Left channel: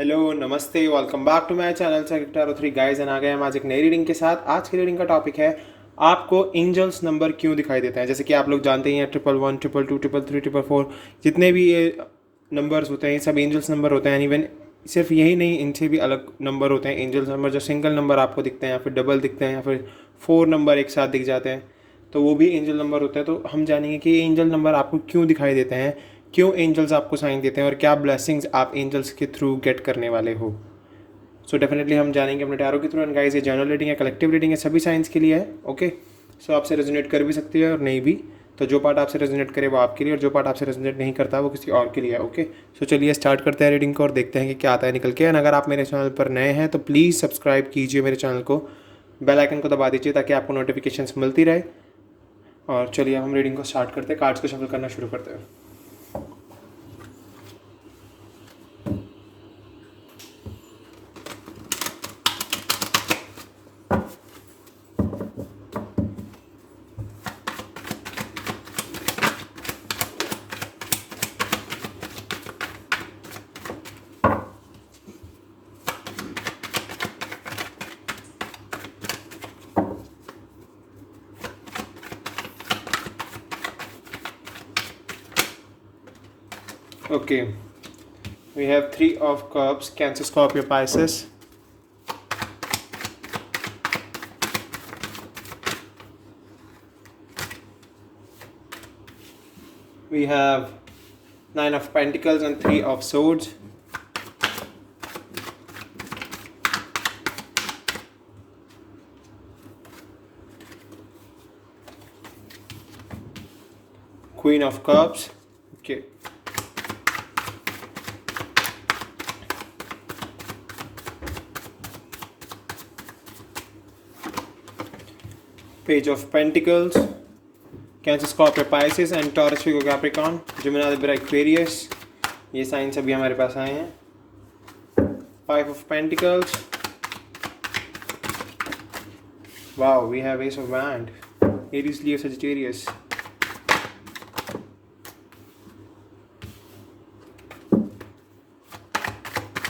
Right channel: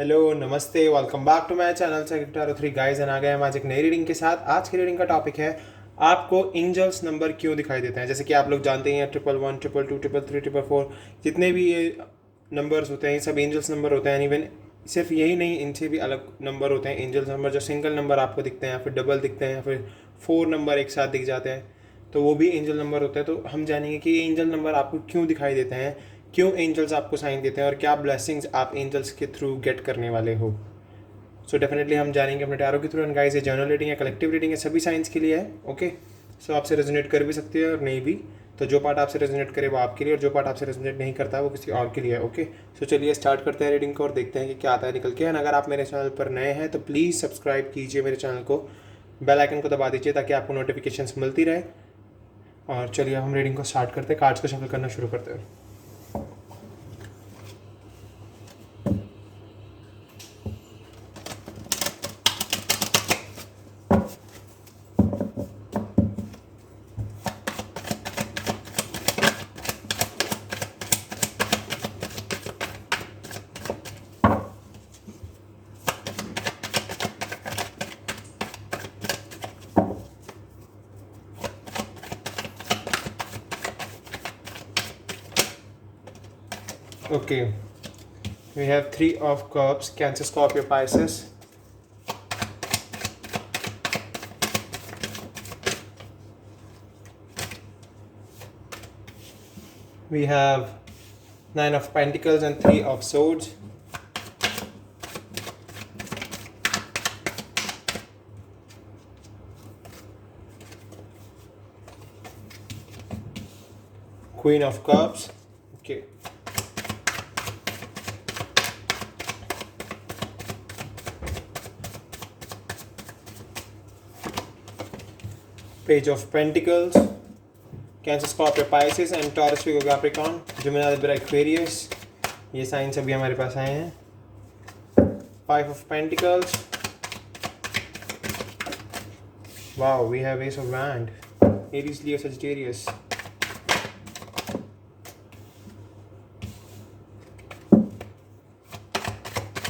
Hello नमस्ते, welcome back to my channel sector 3 guys. आ गए हम आज एक नई रीडिंग के साथ। आज की रीडिंग का टॉपिक है आपको एंजल्स नंबर क्यों दिखाई देते हैं। जैसे कि आप लोग जानते हैं 111, 122, 333, 444 जितने भी ये नंबर्स होते हैं ये सब एंजल्स नंबर होते हैं। इवन सिर्फ यही नहीं, इनसे भी अलग नंबर होते हैं एंजल्स नंबर। जो सिंगल नंबर आपको दिखते हैं या फिर डबल दिखते हैं या फिर 4 नंबर एक साथ दिख जाते हैं तो वो भी एंजल नंबर होते हैं। तो हम जानेंगे कि ये एंजल नंबर आपको क्यों दिखाई देते हैं, क्यों एंजल्स आपको साइन देते हैं और क्या ब्लेसिंग्स आप एंजल्स के थ्रू गेट करने वाले हो। सो डेफिनेटली हम जानेंगे अपने टैरो के थ्रू। एंड गाइस, ये जर्नल रीडिंग है, कलेक्टिव रीडिंग है, सभी साइंस के लिए है। ओके, सो आपसे रेजोनेट कर भी सकती है और नहीं भी। तो जो पार्ट आपसे रेजोनेट करे वो आपके लिए और जो पार्ट आपसे रेजोनेट नहीं करता वो किसी और के लिए है। ओके, सो चलिए स्टार्ट करते हैं रीडिंग को और देखते हैं कि क्या आता है निकल के। एंड अगर आप मेरे चैनल पर नए हैं तो प्लीज़ सब्सक्राइब कीजिए मेरे चैनल को, बेल आइकन को दबा दीजिए ताकि आपको नोटिफिकेशंस मिलती रहे। और चलिए अब हम रीडिंग को स्टार्ट करते हैं, कार्ड्स को शफल करना शुरू करते हैं। Okay, we have 3 of cups, Cancer, Scorpio, Pisces. We have 9 of Pentacles and 3 of Swords. Queen of Cups. Okay. Page of Pentacles, Cancer, Scorpio, Pisces and Taurus, Virgo, Capricorn, Gemini, Libra, Aquarius. ये sign सभी हमारे पास आए हैं। 5 of Pentacles. Wow, we have Ace of Wands, Aries, Leo, Sagittarius.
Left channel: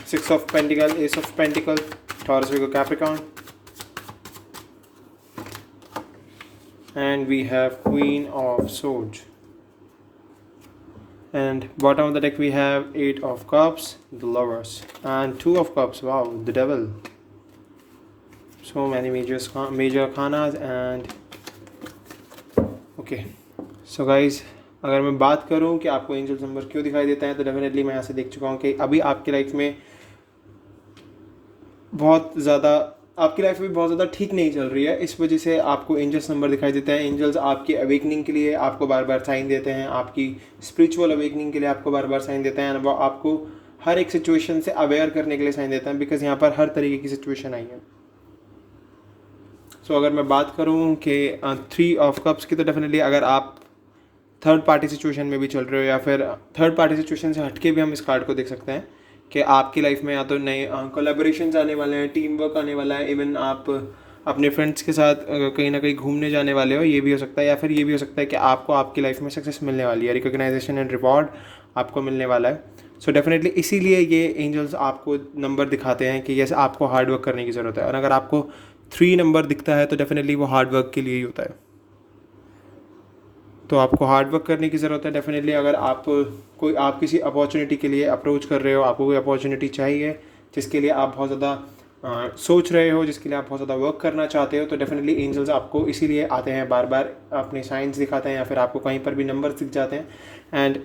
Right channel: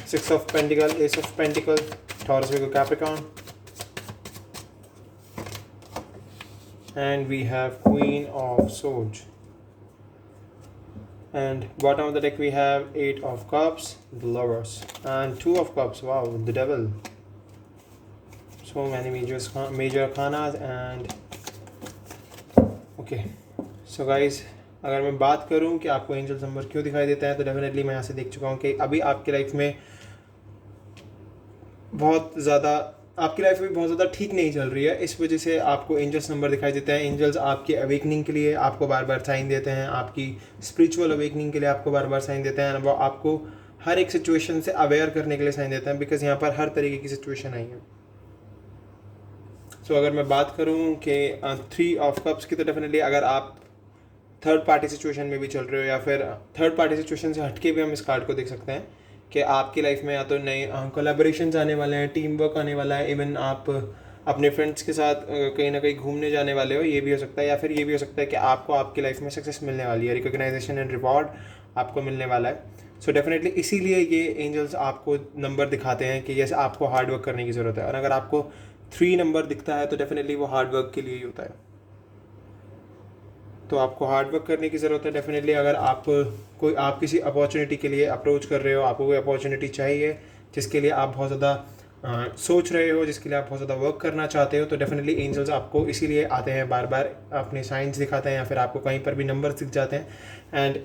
Six of Pentacles, Ace of Pentacles, Taurus, Virgo, Capricorn. And we have Queen of Swords. And bottom of the deck we have 8 of Cups, the Lovers, and 2 of Cups. Wow, the Devil. So many major arcanas. And okay, so guys, अगर मैं बात करूं कि आपको angels number क्यों दिखाई देता है तो डेफिनेटली मैं यहाँ से देख चुका हूँ कि अभी आपकी लाइफ में बहुत ज़्यादा ठीक नहीं चल रही है। इस वजह से आपको एंजल्स नंबर दिखाई देते हैं। एंजल्स आपकी अवेकनिंग के लिए आपको बार बार साइन देते हैं, आपकी स्पिरिचुअल अवेकनिंग के लिए आपको बार बार साइन देते हैं। वो आपको हर एक सिचुएशन से अवेयर करने के लिए साइन देते हैं, बिकॉज यहाँ पर हर तरीके की सिचुएशन आई है। सो अगर मैं बात करूँ कि 3 ऑफ कप्स की, तो डेफिनेटली अगर आप थर्ड पार्टी सिचुएशन में भी चल रहे हो या फिर थर्ड पार्टी सिचुएशन से हटके भी हम इस कार्ड को देख सकते हैं कि आपकी लाइफ में या तो नए कोलैबोरेशंस आने वाले हैं, टीम वर्क आने वाला है, इवन आप अपने फ्रेंड्स के साथ कहीं ना कहीं घूमने जाने वाले हो, ये भी हो सकता है। या फिर ये भी हो सकता है कि आपको आपकी लाइफ में सक्सेस मिलने वाली है, रिकॉग्नाइजेशन एंड रिवॉर्ड आपको मिलने वाला है। सो डेफिनेटली इसीलिए ये एंजल्स आपको नंबर दिखाते हैं कि जैसे आपको हार्ड वर्क करने की ज़रूरत है। और अगर आपको 3 नंबर दिखता है तो डेफिनेटली वो हार्ड वर्क के लिए ही होता है। तो आपको हार्ड वर्क करने की ज़रूरत है डेफिनेटली। अगर आप किसी अपॉर्चुनिटी के लिए अप्रोच कर रहे हो, आपको कोई अपॉर्चुनिटी चाहिए जिसके लिए आप बहुत ज़्यादा सोच रहे हो, जिसके लिए आप बहुत ज़्यादा वर्क करना चाहते हो, तो डेफिनेटली एंजल्स आपको इसीलिए आते हैं, बार बार अपने साइंस दिखाते हैं या फिर आपको कहीं पर भी नंबर दिख जाते हैं। एंड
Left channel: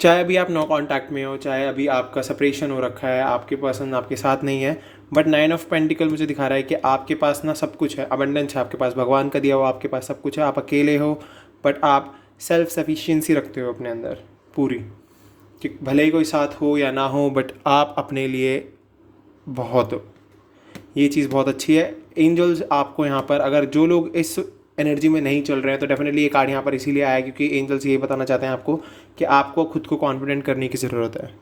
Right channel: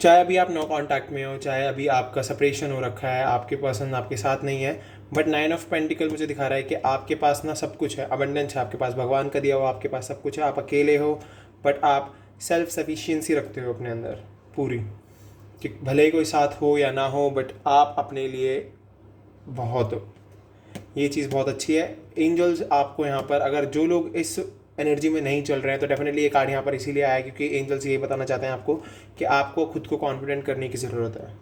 चाहे अभी आप नो कॉन्टैक्ट में हो, चाहे अभी आपका सेपरेशन हो रखा है, आपके पर्सन आपके साथ नहीं है, बट 9 ऑफ पेंटिकल मुझे दिखा रहा है कि आपके पास ना सब कुछ है, अबंडेंस है आपके पास, भगवान का दिया हुआ आपके पास सब कुछ है। आप अकेले हो बट आप सेल्फ सफिशिएंसी रखते हो अपने अंदर पूरी, कि भले ही कोई साथ हो या ना हो बट आप अपने लिए बहुत हो। ये चीज़ बहुत अच्छी है। एंजल्स आपको यहाँ पर, अगर जो लोग इस एनर्जी में नहीं चल रहे हैं तो डेफिनेटली ये कार्ड यहाँ पर इसीलिए आया क्योंकि एंजल्स ये बताना चाहते हैं आपको कि आपको खुद को कॉन्फिडेंट करने की ज़रूरत है।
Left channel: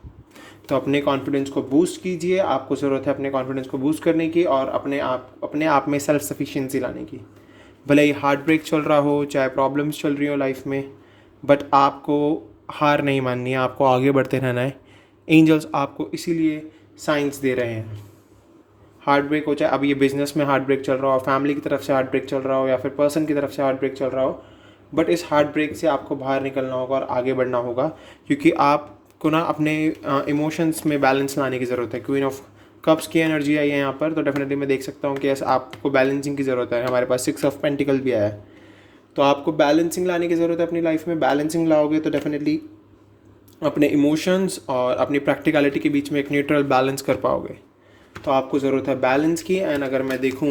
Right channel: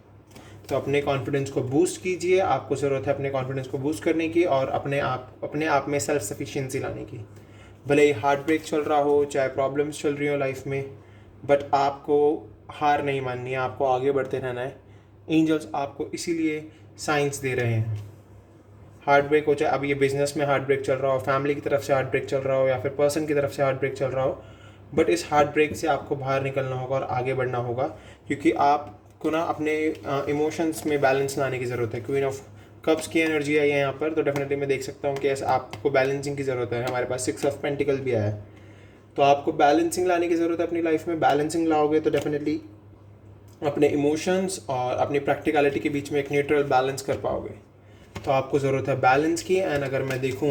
तो अपने कॉन्फिडेंस को बूस्ट कीजिए, आपको ज़रूरत है अपने कॉन्फिडेंस को बूस्ट करने की और अपने आप में सेल्फ सफिशिएंसी लाने की। भले ही हार्ट ब्रेक चल रहा हो, चाहे प्रॉब्लम्स चल रही हो लाइफ में, बट आपको हार नहीं माननी है, आपको आगे बढ़ते रहना है। एंजल्स आपको इसीलिए साइंस दे रहे हैं। हार्ट ब्रेक हो, चाहे अब ये बिजनेस में हार्ट ब्रेक चल रहा हो, फैमिली की तरफ से हार्ट ब्रेक चल रहा हो, या फिर पर्सन की तरफ से हार्ट ब्रेक चल रहा हो, बट इस हार्ट ब्रेक से आपको बाहर निकलना होगा और आगे बढ़ना होगा, क्योंकि आपको ना अपने इमोशंस में बैलेंस लाने की ज़रूरत है। क्वीन ऑफ कप्स की एनर्जी आई है यहाँ पर, तो डेफिनेटली मैं देख सकता हूँ कि ऐसा आपको बैलेंसिंग की ज़रूरत है। हमारे पास 6 ऑफ पेंटिकल भी आया है, तो आपको बैलेंसिंग लाने की ज़रूरत है अपनी लाइफ में। बैलेंसिंग लाओगे तो डेफिनेटली अपने इमोशंस और अपनी प्रैक्टिकलिटी के बीच में एक न्यूट्रल बैलेंस कर पाओगे। तो आपको ज़रूरत है बैलेंस की। एंड अगर मैं देखूँ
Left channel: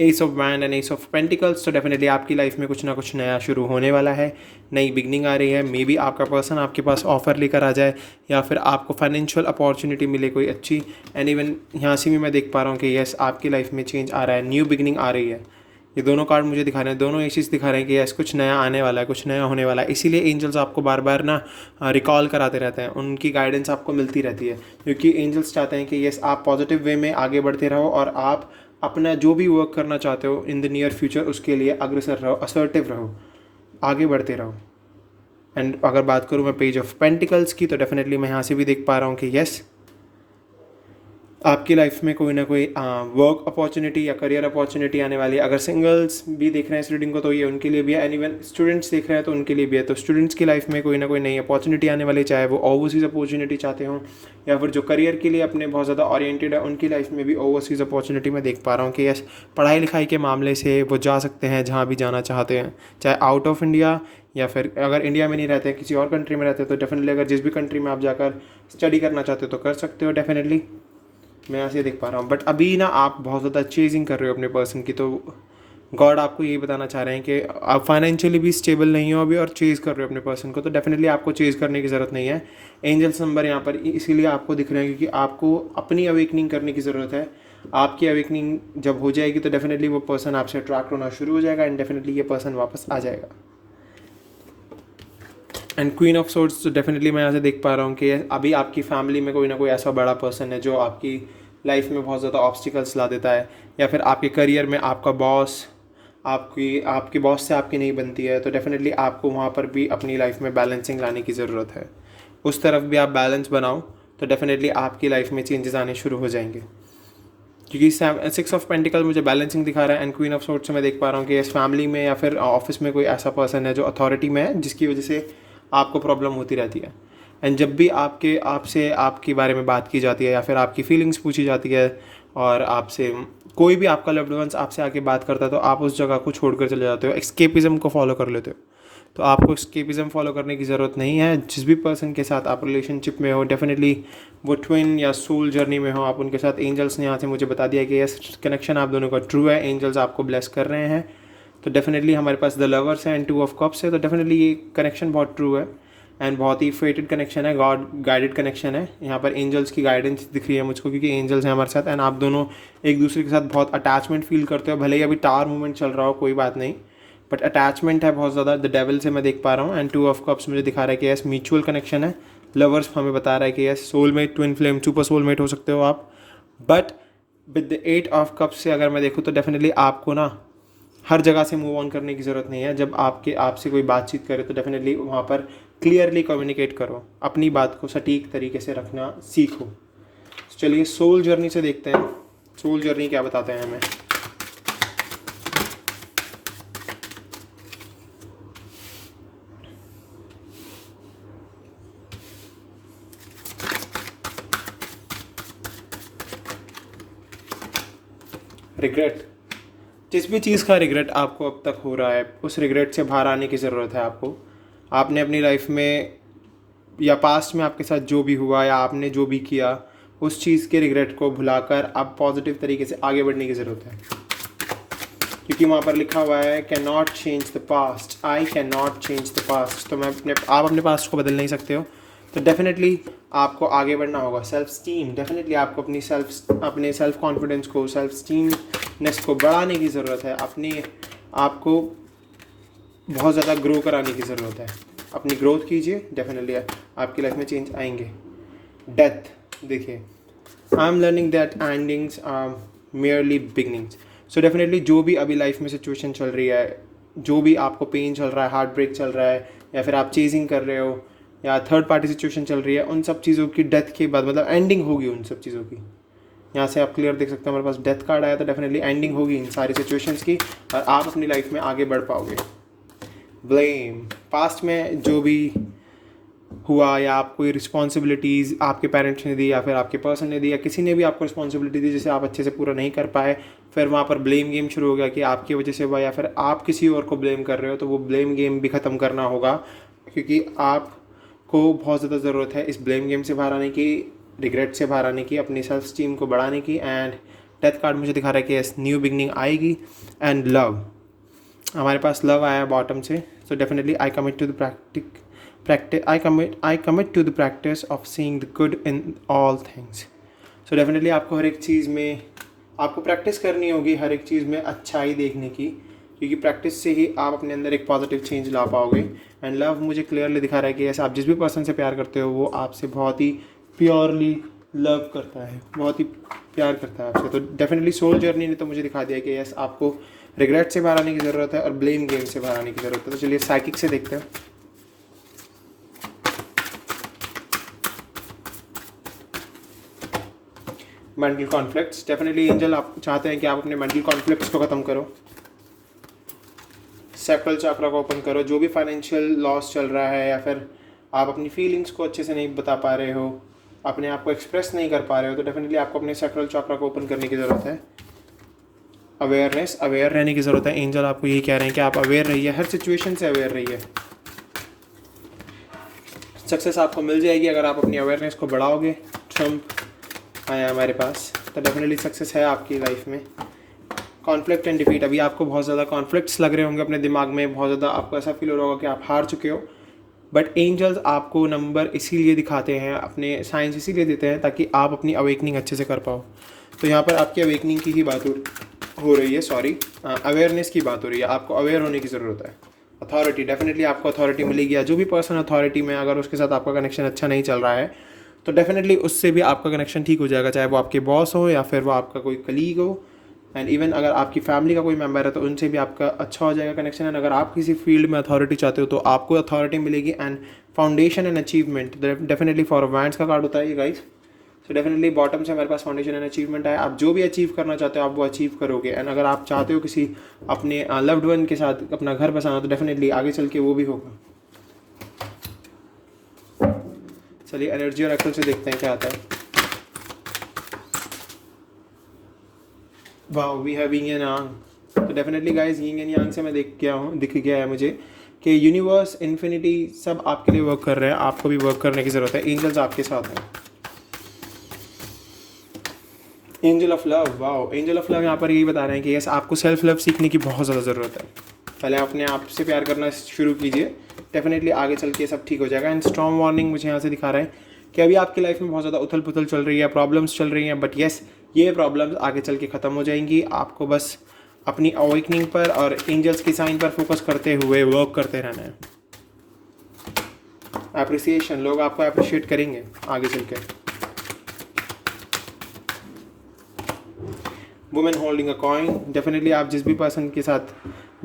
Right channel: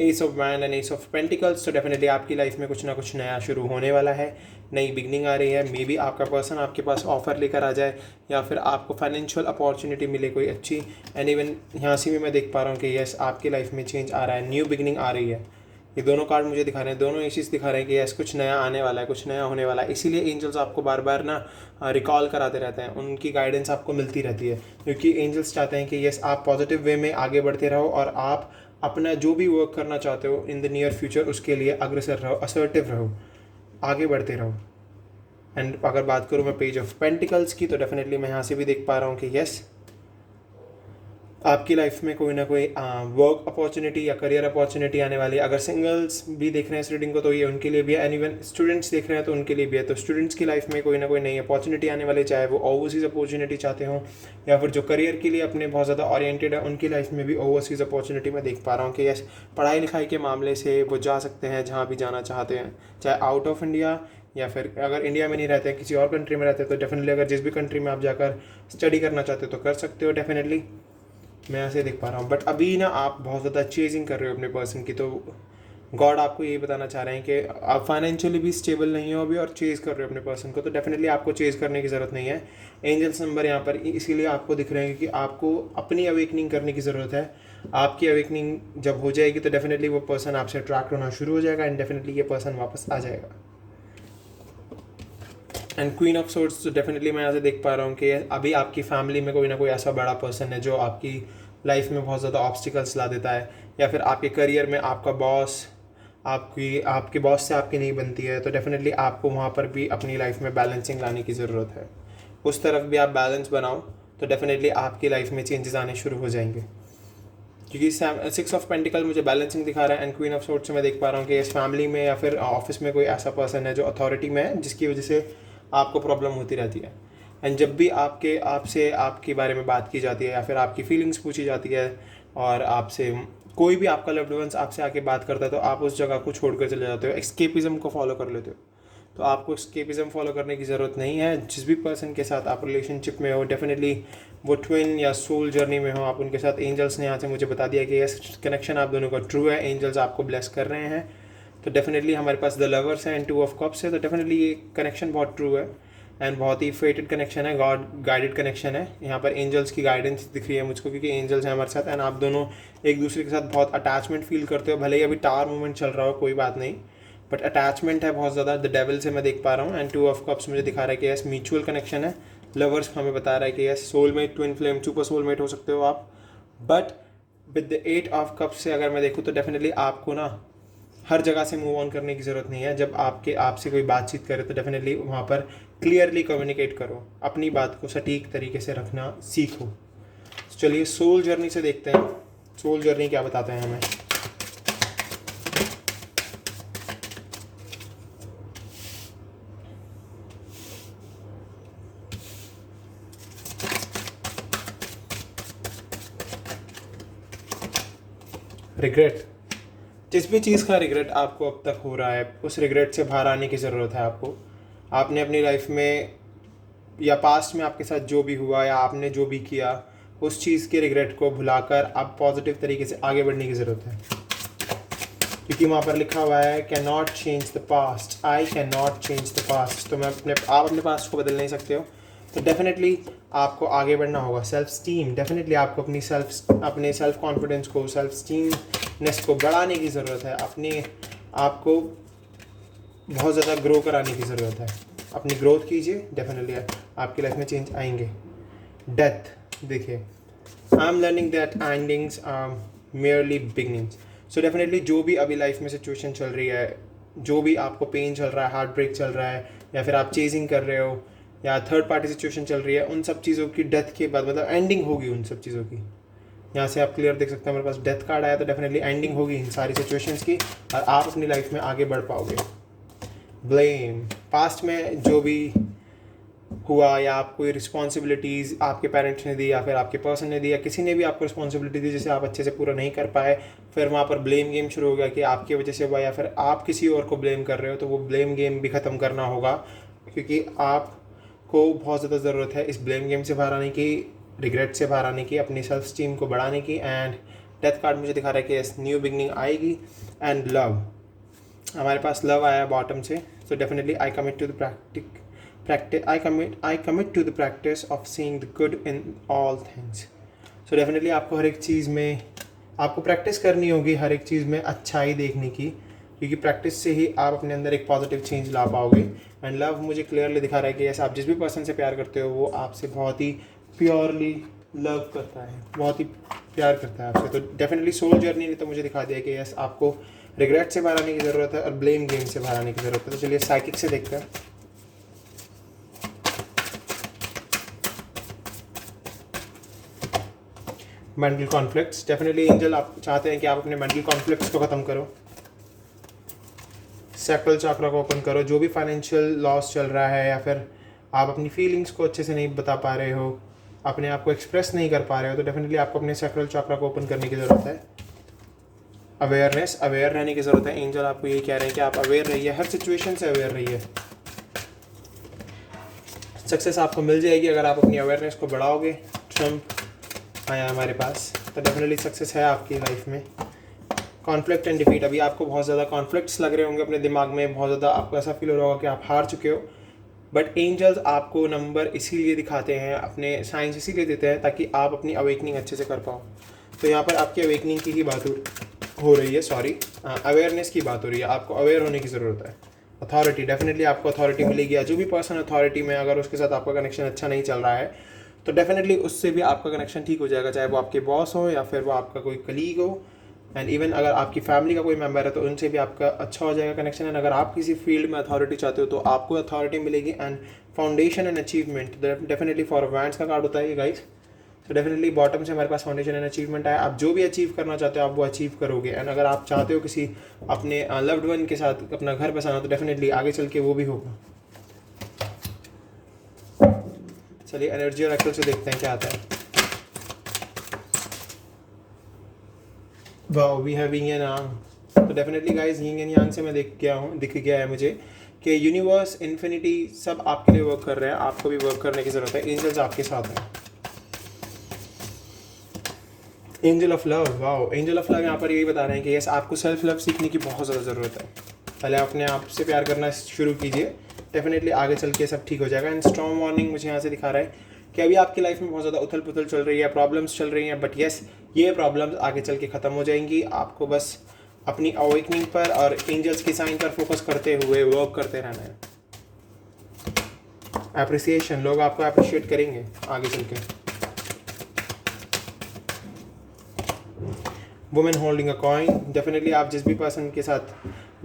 S of wand and S of pentacles, तो डेफिनेटली आपकी लाइफ में कुछ ना कुछ नया शुरू होने वाला है, नई बिगनिंग आ रही है। मे बी आपका पर्सन आपके पास ऑफर लेकर आ जाए, या फिर आपको फाइनेंशियल अपॉर्चुनिटी मिले कोई अच्छी। एंड इवन यहाँ से भी मैं देख पा रहा हूँ कि यस, आपकी लाइफ में चेंज आ रहा है, न्यू बिगनिंग आ रही है। ये दोनों कार्ड मुझे दिखा रहे हैं, दोनों ये चीज़ दिखा रहे हैं कि यस, कुछ नया आने वाला है, कुछ नया होने वाला है। इसीलिए एंजल्स आपको बार बार ना रिकॉल कराते रहते हैं, उनकी गाइडेंस आपको मिलती रहती है, क्योंकि एंजल्स चाहते हैं कि यस, आप पॉजिटिव वे में आगे बढ़ते रहो और आप अपना जो भी वर्क करना चाहते हो इन द नियर फ्यूचर, उसके लिए अग्रसर रहो, असर्टिव रहो, आगे बढ़ते रहो। एंड अगर बात करूँ मैं पेज ऑफ पेंटिकल्स की, तो डेफिनेटली मैं यहाँ से भी देख पा रहा हूँ कि यस, आपकी लाइफ में कोई ना कोई वर्क अपॉर्चुनिटी या करियर अपॉर्चुनिटी आने वाली है। अगर सिंगल्स भी देख रहे हैं इस रीडिंग को, तो ये उनके लिए भी है। एंड इवन स्टूडेंट्स देख रहे हैं तो उनके लिए भी है। तो स्टूडेंट्स की लाइफ में कोई ना कोई नई अपॉर्चुनिटी आने वाली है, चाहे वो ओवरसीज़ अपॉर्चुनिटी चाहते हों, या फिर जो करियर के लिए अपने बहुत ज़्यादा ओरिएंटेड है, उनकी लाइफ में भी ओवरसीज़ अपॉर्चुनिटी मैं देख पा रहा हूँ कि यस, पढ़ाई लिखाई के मामले से वो जा सकते हैं जहाँ भी जाना चाहते हैं, चाहे आउट ऑफ इंडिया, या फिर अगर इंडिया में नहीं रहते हैं, किसी और कंट्री में रहते हैं, तो डेफिनेटली अगर जिस भी कंट्री में आप जाकर स्टडी करना चाहते हो तो कर सकते हो। डेफिनेटली मैं ऐसे देख पा रहा हूँ। बट अभी ना आप बहुत ज़्यादा चेजिंग कर रहे हो अपने पर्सन की, तो गॉड आपको ये बताना चाह रहे हैं कि आप फाइनेंशियली भी स्टेबल नहीं हो अभी और चेज़ कर रहे हो अपने पर्सन को, तो डेफिनेटली आपको चेज़ करने की ज़रूरत नहीं है। एंजल्स नंबर यहाँ पर इसीलिए आपको दिख रहे हैं क्योंकि आपको अपनी अवेकनिंग करने की ज़रूरत है। आपकी अवेकनिंग जब हो जाएगी तो डेफिनेटली वो पर्सन आपसे अट्रैक्ट होना शुरू हो जाएगा, एंड डेफिनेटली ये पर्सन वापस आ जाएगा। एंड क्वीन ऑफ सोर्ड्स, तो डेफिनेटली मैं यहाँ से देख पा रहा हूँ कि अभी आपकी फैमिली में कोई ना कोई ऐसा बड़ा पर्सन है जो आपकी लाइफ में बहुत ज़्यादा ऑब्स्टिकल्स ला देता है, या फिर आपके करियर में आपका बॉस आपके बॉस से आपकी नहीं बनती है, तो डेफिनेटली आपको वहाँ पर भी अपनी लाइफ में बैलेंसिंग लाने की ज़रूरत है। उस तरफ भी आप बैलेंस बनाओ तो डेफिनेटली आपकी लाइफ में चेंजेस आने शुरू हो जाएंगे, क्योंकि 6 ऑफ पेंटिकल मुझे बैलेंसिंग दिखा रहा है। एंड क्वीन ऑफ सोर्ड्स से मैं देख पा रहा हूँ कि इस फैमिली में या फिर ऑफिस में कोई ऐसा पर्सन है जो अथॉरिटी में है, जिसकी वजह से आपको प्रॉब्लम होती रहती है। एंड जब भी आपसे आपके बारे में बात की जाती है, या फिर आपकी फीलिंग्स पूछी जाती है, और आपसे कोई भी आपका लव्ड वंस आपसे आके बात करता है, तो आप उस जगह को छोड़कर चले जाते हो, एस्केपिज्म को फॉलो कर लेते हो। तो आपको एस्केपिज्म फॉलो करने की ज़रूरत नहीं है। जिस भी पर्सन के साथ आप रिलेशनशिप में हो, डेफिनेटली वो ट्विन या सोल जर्नी में हो, आप उनके साथ, एंजल्स ने यहाँ से मुझे बता दिया कि यस, कनेक्शन आप दोनों का ट्रू है, एंजल्स आपको ब्लेस कर रहे हैं। तो डेफिनेटली हमारे पास द लवर्स है एंड 2 ऑफ कप्स है, तो डेफिनेटली ये कनेक्शन बहुत ट्रू है एंड बहुत ही फेटेड कनेक्शन है, गॉड गाइडेड कनेक्शन है। यहाँ पर एंजल्स की गाइडेंस दिख रही है मुझको, क्योंकि एंजल्स हैं हमारे साथ, एंड आप दोनों एक दूसरे के साथ बहुत अटैचमेंट फील करते हो। भले ही अभी टावर मूवमेंट चल रहा हो, कोई बात नहीं, बट अटैचमेंट है बहुत ज़्यादा। द डेविल से मैं देख पा रहा हूँ। एंड 2 ऑफ कप्स मुझे दिखा रहा है कि यस, म्यूचुअल कनेक्शन है। लवर्स हमें बता रहा है कि yes, soulmate, twin flame, super soulmate हो सकते हो आप। But with the 8 of cups से अगर मैं देखूँ तो डेफिनेटली आपको ना हर जगह से मूव ऑन करने की ज़रूरत नहीं है। जब आपसे कोई बातचीत करे तो डेफिनेटली वहाँ पर क्लियरली कम्युनिकेट करो, अपनी बात को सटीक तरीके से रखना सीखो। चलिए सोल जर्नी से देखते हैं, सोल जर्नी क्या बताते हैं हमें। रिग्रेट, जिस भी चीज़ का रिग्रेट आपको अब तक हो रहा है, उस रिग्रेट से बाहर आने की ज़रूरत है आपको। आपने अपनी लाइफ में या पास्ट में आपके साथ जो भी हुआ या आपने जो भी किया, उस चीज़ के रिग्रेट को भुलाकर आप पॉजिटिव तरीके से आगे बढ़ने की ज़रूरत है, क्योंकि वहाँ पर लिखा हुआ है can not change the past, I can not change the past. तो आप अपने पास्ट को बदल नहीं सकते हो, तो डेफिनेटली आपको आगे बढ़ना होगा। सेल्फ स्टीम, डेफिनेटली आपको अपने सेल्फ कॉन्फिडेंस को, सेल्फ स्टीमनेस को बढ़ाने की ज़रूरत है। अपने आप को बहुत ज़्यादा ग्रो कराने की ज़रूरत है। अपनी ग्रोथ कीजिए, डेफिनेटली आपकी लाइफ में चेंज आएंगे। डेथ, देखिए, I am learning that endings are merely beginnings. So definitely जो भी अभी लाइफ में सिचुएशन चल रही है, जो भी आपको पेन चल रहा है, हार्ट ब्रेक चल रहा है, या फिर आप चेजिंग कर रहे हो, या थर्ड पार्टी सिचुएशन चल रही है, उन सब चीज़ों की डेथ के बाद मतलब एंडिंग होगी उन सब चीज़ों की। यहाँ से आप क्लियर देख सकते हैं, हमारे पास डेथ कार्ड आया, तो डेफिनेटली एंडिंग होगी इन सारी सिचुएशंस की और आप अपनी लाइफ में आगे बढ़ पाओगे। ब्लेम, पास्ट में जो भी हुआ या आप कोई रिस्पॉन्सिबिलिटीज़ आपके पेरेंट्स ने दी या फिर आपके पर्सन ने दी या किसी ने भी आपको रिस्पॉन्सिबिलिटी दी जिसे आप अच्छे से पूरा नहीं कर पाए, फिर वहाँ पर ब्लेम गेम शुरू हो गया कि आपकी वजह से हुआ या फिर आप किसी और को ब्लेम कर रहे हो, तो वो ब्लेम गेम भी ख़त्म करना होगा, क्योंकि आपको बहुत ज़्यादा ज़रूरत है इस ब्लेम गेम से बाहर आने की, रिग्रेट से बाहर आने की, अपनी सेल्फ स्टीम को बढ़ाने की। एंड डेथ कार्ड मुझे दिखा रहा है कि यस न्यू बिगनिंग आएगी। एंड लव, हमारे पास लव आया बॉटम से, so definitely I commit to the I commit to the practice of seeing the good in all things. So definitely आपको हर एक चीज़ में आपको प्रैक्टिस करनी होगी, हर एक चीज़ में अच्छाई देखने की, क्योंकि प्रैक्टिस से ही आप अपने अंदर एक पॉजिटिव चेंज ला पाओगे। एंड लव मुझे क्लियरली दिखा रहा है कि ऐसा आप जिस भी पर्सन से प्यार करते हो वो आपसे बहुत ही प्योरली लव करता है, बहुत ही प्यार करता है आपसे। तो डेफिनेटली सोल जर्नी ने तो मुझे दिखा दिया कि यस आपको रिग्रेट से बाहर आने की ज़रूरत है और ब्लेम गेम से बाहर आने की ज़रूरत है। तो चलिए साइकिक से देखते हैं। मेंटल कॉन्फ्लिक्ट्स, डेफिनेटली एंजल आप चाहते हैं कि आप अपने मेंटल कॉन्फ्लिक्ट्स को ख़त्म करो, सैक्रल चक्र को ओपन करो। जो भी फाइनेंशियल लॉस चल रहा है या फिर आप अपनी फीलिंग्स को अच्छे से नहीं बता पा रहे हो, अपने आप को एक्सप्रेस नहीं कर पा रहे हो, तो डेफिनेटली आपको अपने सैक्रल चक्र को ओपन करने की ज़रूरत है। अवेयर रहने की ज़रूरत है। एंजल आपको यही कह रहे हैं कि आप अवेयर रहिए, हर सिचुएशन से अवेयर रहिए। सक्सेस आपको मिल जाएगी अगर आप अपनी अवेयरनेस को बढ़ाओगे। ट्रम्प आया हमारे पास, तो डेफिनेटली सक्सेस है आपकी लाइफ में। कॉन्फ्लिक्ट एंड डिफीट, अभी आपको बहुत ज़्यादा कॉन्फ्लिक्ट्स लग रहे होंगे अपने दिमाग में, बहुत ज़्यादा आपको ऐसा फील हो रहा होगा कि आप हार चुके हो, बट एंजल्स आपको नंबर इसीलिए दिखाते हैं, अपने साइंस इसीलिए देते हैं ताकि आप अपनी अवेकनिंग अच्छे से कर पाओ। तो यहाँ पर आपकी अवेकनिंग की बात हो रही है, अवेयरनेस की बात हो रही है। आपको अवेयर होने की ज़रूरत है। अथॉरिटी, डेफिनेटली आपको अथॉरिटी मिलेगी। जो भी पर्सन अथॉरिटी में अगर उसके साथ आपका कनेक्शन अच्छा नहीं चल रहा है तो डेफिनेटली उससे भी आपका कनेक्शन ठीक हो जाएगा, चाहे वो आपके बॉस हो या फिर वो आपका कोई कलीग हो। एंड इवन अगर आपकी फैमिली का कोई मेंबर है तो उनसे भी आपका अच्छा हो जाएगा कनेक्शन। एंड अगर आप किसी फील्ड में अथॉरिटी चाहते हो तो आपको अथॉरिटी मिलेगी। And foundation and achievement, definitely for wands का कार्ड होता है ये गाइस। तो डेफिनेटली बॉटम से हमारे पास फाउंडेशन एंड अचीवमेंट है। आप जो भी अचीव करना चाहते हो आप वो अचीव करोगे। एंड अगर आप चाहते हो किसी अपने लव्ड वन के साथ अपना घर बसाना तो डेफिनेटली आगे चल के वो भी होगा। चलिए एनर्जी और एक्सेल से देखते हैं क्या आता है। वाह, we have yin and yang. तो definitely guys yin and yang से मैं दिख गया है मुझे कि यूनिवर्स, इन्फिनिटी सब आपके लिए वर्क कर रहे हैं। आपको भी वर्क करने की ज़रूरत है। एंजल्स आपके साथ हैं। Angel of love, wow, angel of love यहाँ पर यही बता रहे हैं कि यस आपको सेल्फ लव सीखने की बहुत ज़्यादा ज़रूरत है। पहले अपने आप से प्यार करना शुरू कीजिए, डेफिनेटली आगे चल के सब ठीक हो जाएगा। एंड स्ट्रॉन्ग वार्निंग मुझे यहाँ से दिखा रहा है कि अभी आपकी लाइफ में बहुत ज़्यादा उथल पुथल चल रही है, प्रॉब्लम्स चल रही हैं, बट यस ये प्रॉब्लम्स आगे चल के ख़त्म हो जाएंगी। आपको बस अपनी अवेकनिंग पर और एंजल्स की साइन पर फोकस करते हुए वर्क करते रहना है। एप्रिसिएशन, लोग आपको अप्रिशिएट करेंगे आगे चल के। Women holding a coin, definitely आप जिस भी पर्सन के साथ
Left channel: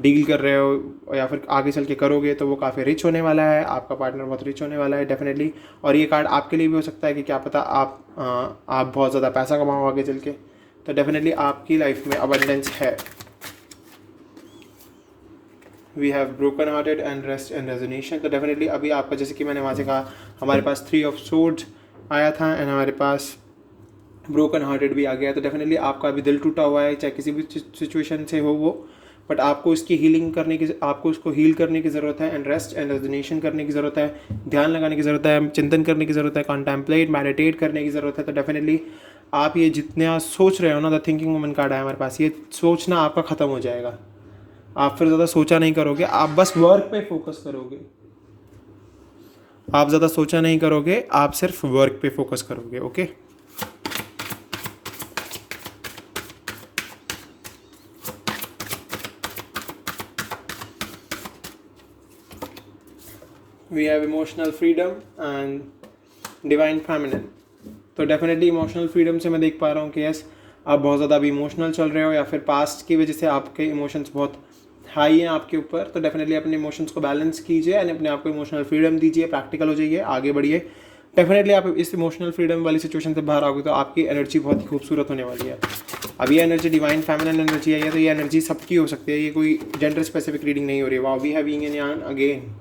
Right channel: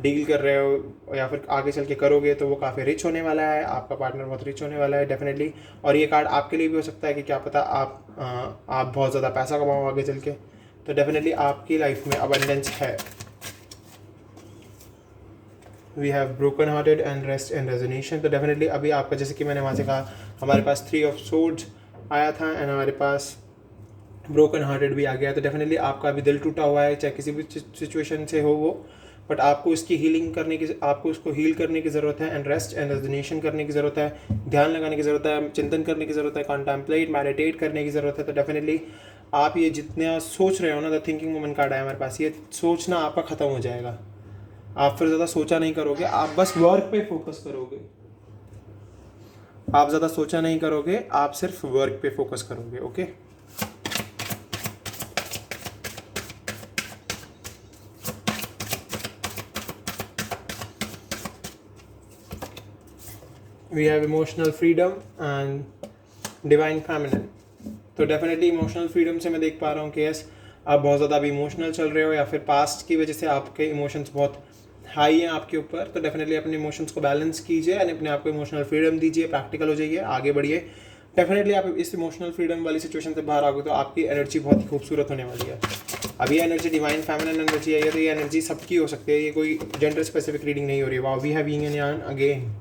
डील कर रहे हो या फिर आगे चल के करोगे तो वो काफ़ी रिच होने वाला है, आपका पार्टनर बहुत रिच होने वाला है डेफिनेटली। और ये कार्ड आपके लिए भी हो सकता है कि क्या पता आप बहुत ज़्यादा पैसा कमाओ आगे चल के। तो डेफिनेटली आपकी लाइफ में अबंडेंस है। We have broken hearted and rest and resonation. तो डेफिनेटली अभी आपका, जैसे कि मैंने वहाँ से कहा, हमारे पास 3 ऑफ सोर्ड्स आया था एंड हमारे पास ब्रोकन हार्टेड भी आ गया। तो डेफिनेटली आपका अभी दिल टूटा हुआ है, चाहे किसी भी सिचुएशन से हो वो, बट आपको इसकी हीलिंग करने की, आपको उसको हील करने की ज़रूरत है। एंड रेस्ट एंड रेजोनेशन करने की ज़रूरत है, ध्यान लगाने की ज़रूरत है, चिंतन करने की ज़रूरत है, कॉन्टेम्पलेट मेडिटेट करने की ज़रूरत है। तो डेफिनेटली आप ये जितना सोच रहे हो ना, द थिंकिंग वुमन कार्ड है हमारे पास, ये सोचना आपका ख़त्म हो जाएगा। आप फिर ज़्यादा सोचा नहीं करोगे, आप बस वर्क पे फोकस करोगे। आप ज़्यादा सोचा नहीं करोगे, आप सिर्फ वर्क पे फोकस करोगे। Okay, we have emotional freedom and divine feminine. तो डेफिनेटली इमोशनल फ्रीडम से मैं देख पा रहा हूँ कि यस आप बहुत ज़्यादा अभी इमोशनल चल रहे हो या फिर पास्ट की वजह से आपके इमोशंस बहुत हाई है आपके ऊपर, तो डेफिनेटली अपने इमोशंस को बैलेंस कीजिए एंड अपने आप को इमोशनल फ्रीडम दीजिए, प्रैक्टिकल हो जाइए, आगे बढ़िए। डेफिनेटली आप इस इमोशनल फ्रीडम वाली सिचुएशन से बाहर आओगे तो आपकी एनर्जी बहुत ही खूबसूरत होने वाली है। अब ये एनर्जी डिवाइन फेमिनिन एनर्जी है, तो ये एनर्जी सबकी हो सकती है, ये कोई जेंडर स्पेसिफिक रीडिंग नहीं हो रही है। Wow, we have yin and yang again,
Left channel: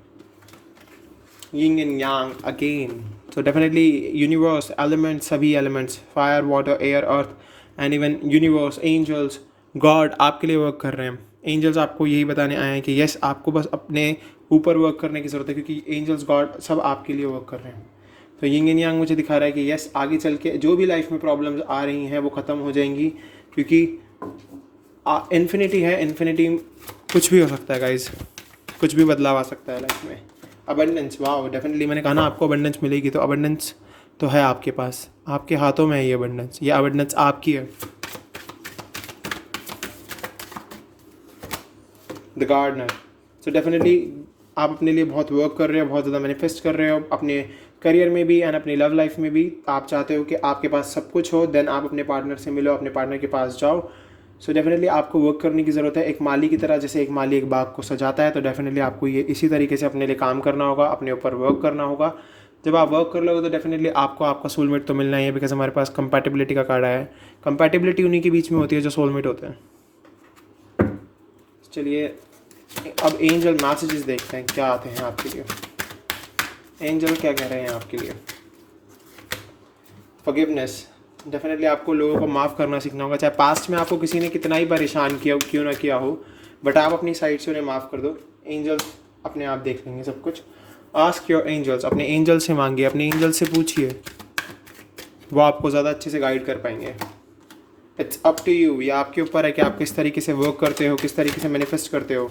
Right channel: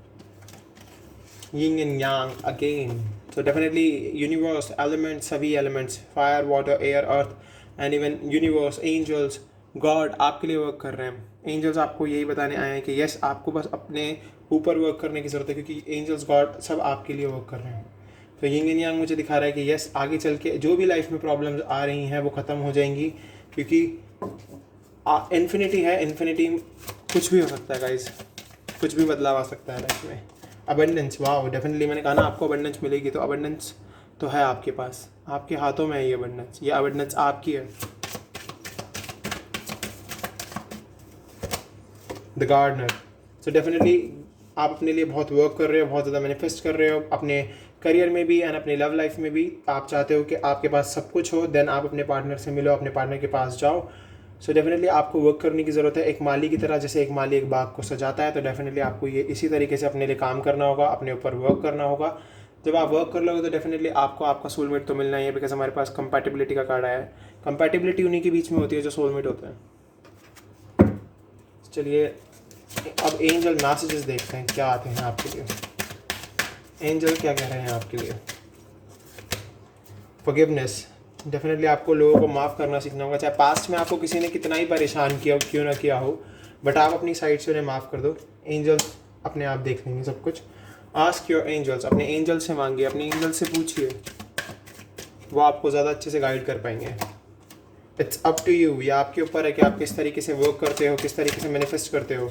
yin and yang again. तो डेफिनेटली यूनिवर्स, एलिमेंट्स, सभी elements, fire, water, air, earth and even universe, angels, God आपके लिए वर्क कर रहे हैं। एंजल्स आपको यही बताने आए हैं कि यस, आपको बस अपने ऊपर वर्क करने की ज़रूरत है, क्योंकि एंजल्स, गॉड सब आपके लिए वर्क कर रहे हैं। तो यिंग एंड यांग मुझे दिखा रहा है कि यस, आगे चल के जो भी लाइफ में प्रॉब्लम्स आ रही हैं वो ख़त्म हो जाएंगी, क्योंकि इन्फिनिटी है। इन्फिनिटी कुछ भी हो सकता है गाइज, कुछ भी बदलाव आ सकता है लाइफ में। अबंडेंस, वाओ, डेफिनेटली मैंने कहा ना आपको अबंडेंस मिलेगी, तो अबंडेंस तो है आपके पास, आपके हाथों में है ये अबंडेंस, ये अबंडेंस आपकी है। द गार्डनर, सो डेफिनेटली आप अपने लिए बहुत वर्क कर रहे हो, बहुत ज़्यादा मैनिफेस्ट कर रहे हो अपने करियर में भी एंड अपनी लव लाइफ में भी। आप चाहते हो कि आपके पास सब कुछ हो, देन आप अपने पार्टनर से मिलो, अपने पार्टनर के पास जाओ। सो डेफिनेटली आपको वर्क करने की ज़रूरत है, एक माली की तरह। जैसे एक माली एक बाग को सजाता है, तो डेफिनेटली आपको ये इसी तरीके से अपने लिए काम करना होगा, अपने ऊपर वर्क करना होगा। जब आप वर्क कर लोगे तो डेफिनेटली आपको आपका सोलमेट तो मिलना ही है, बिकॉज हमारे पास कंपैटिबिलिटी का कार्ड आया है। कंपैटिबिलिटी उन्हीं के बीच में होती है जो सोलमेट होते हैं। चलिए अब एंजल मैसेजेस देखते हैं क्या आते हैं आपके लिए। एंजल क्या कह रहे हैं आपके लिए? फॉरगिवनेस, डेफिनेटली आपको लोगों को माफ़ करना सीखना होगा, चाहे पास्ट में आपको किसी ने कितना ही परेशान किया क्यों ना किया हो, बट आप अपनी साइड से उन्हें माफ़ कर दो। एंजल्स अपने आप देख लेंगे सब कुछ। आस्क योर एंजल्स, अपने एंजल से मांगिए, अपने एंजल से पूछिए, वो आपको ज़्यादा अच्छे से गाइड कर पाएंगे। इट्स अप टू यू, ये आपके ऊपर है कि आप किस तरीके से वर्क करते हो, किस तरीके से मैनिफेस्ट करते हो।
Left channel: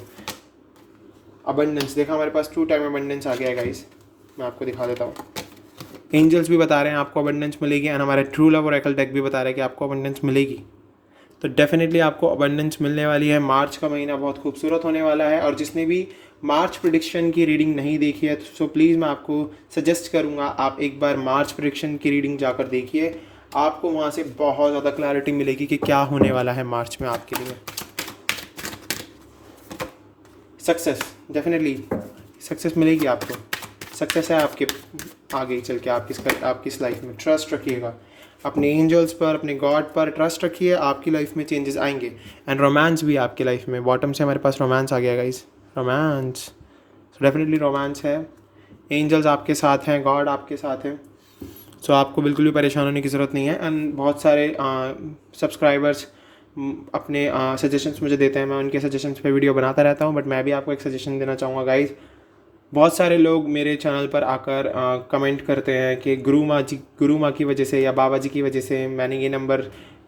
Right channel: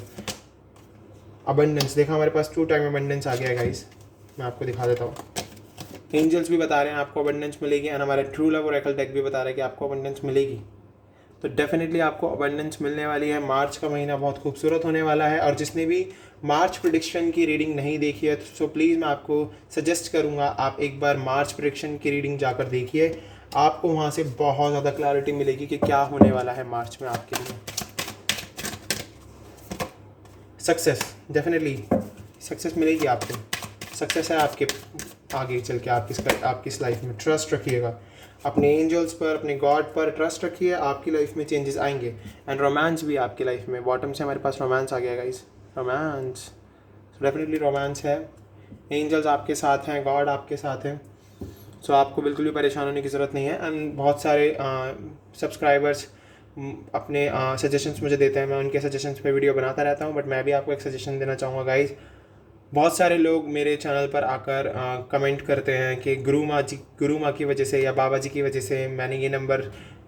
अबंडेंस, देखा हमारे पास 2 टाइम अबंडेंस आ गया गाइस, मैं आपको दिखा देता हूँ। एंजल्स भी बता रहे हैं आपको अबंडेंस मिलेगी एंड हमारे ट्रू लव ओरेकल डेक भी बता रहा है कि आपको अबंडेंस मिलेगी। तो डेफिनेटली आपको अबंडेंस मिलने वाली है। मार्च का महीना बहुत खूबसूरत होने वाला है, और जिसने भी मार्च प्रेडिक्शन की रीडिंग नहीं देखी है तो प्लीज़ मैं आपको सजेस्ट करूँगा आप एक बार मार्च प्रेडिक्शन की रीडिंग जाकर देखिए। आपको वहाँ से बहुत ज़्यादा क्लैरिटी मिलेगी कि क्या होने वाला है मार्च में आपके लिए। सक्सेस, डेफिनेटली सक्सेस मिलेगी आपको, सक्सेस है आपके आगे चल के आपकी इस लाइफ में। ट्रस्ट रखिएगा अपने एंजल्स पर, अपने गॉड पर ट्रस्ट रखिए, आपकी लाइफ में चेंजेस आएंगे। एंड रोमांस भी आपकी लाइफ में, बॉटम से हमारे पास रोमांस आ गया guys, romance, so definitely romance है। एंजल्स आपके साथ हैं, गॉड आपके साथ हैं, सो आपको बिल्कुल भी परेशान होने की ज़रूरत नहीं है। एंड बहुत सारे सब्सक्राइबर्स अपने सजेशंस मुझे देते हैं, मैं उनके सजेशंस पे वीडियो बनाता रहता हूँ, बट मैं भी आपको एक सजेशन देना चाहूँगा गाइस। बहुत सारे लोग मेरे चैनल पर आकर कमेंट करते हैं कि गुरु माँ की वजह से या बाबा जी की वजह से मैंने ये नंबर,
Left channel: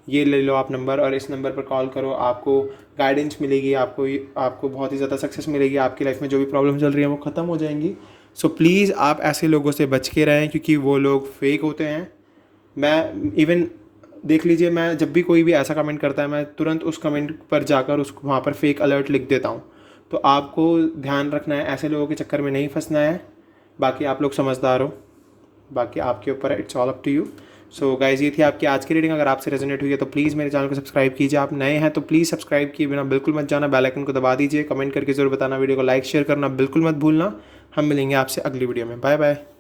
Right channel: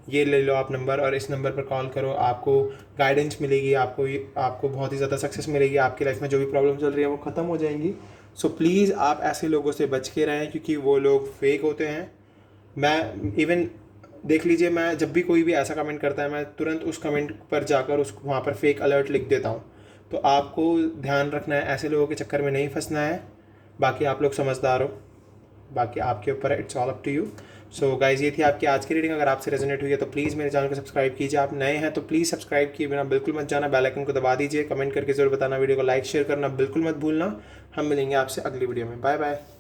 ये ले लो आप नंबर और इस नंबर पर कॉल करो, आपको गाइडेंस मिलेगी, आपको बहुत ही ज़्यादा सक्सेस मिलेगी, आपकी लाइफ में जो भी प्रॉब्लम चल रही है वो ख़त्म हो जाएंगी। सो प्लीज़ आप ऐसे लोगों से बच के रहें, क्योंकि वो लोग फेक होते हैं। मैं इवन देख लीजिए, मैं जब भी कोई भी ऐसा कमेंट करता है मैं तुरंत उस कमेंट पर जाकर उसको वहाँ पर फेक अलर्ट लिख देता हूँ। तो आपको ध्यान रखना है, ऐसे लोगों के चक्कर में नहीं फंसना है। बाकी आप लोग समझदार हो, बाकी आपके ऊपर है, it's all up to you. So guys, ये थी आपकी आज की रीडिंग। अगर आपसे रेजोनेट हुई है तो प्लीज़ मेरे चैनल को सब्सक्राइब कीजिए। आप नए हैं तो प्लीज़ सब्सक्राइब किए बिना बिल्कुल मत जाना, बेल आइकन को दबा दीजिए, कमेंट करके ज़रूर बताना, वीडियो को लाइक शेयर करना बिल्कुल मत भूलना। हम मिलेंगे आपसे अगली वीडियो में, बाय बाय।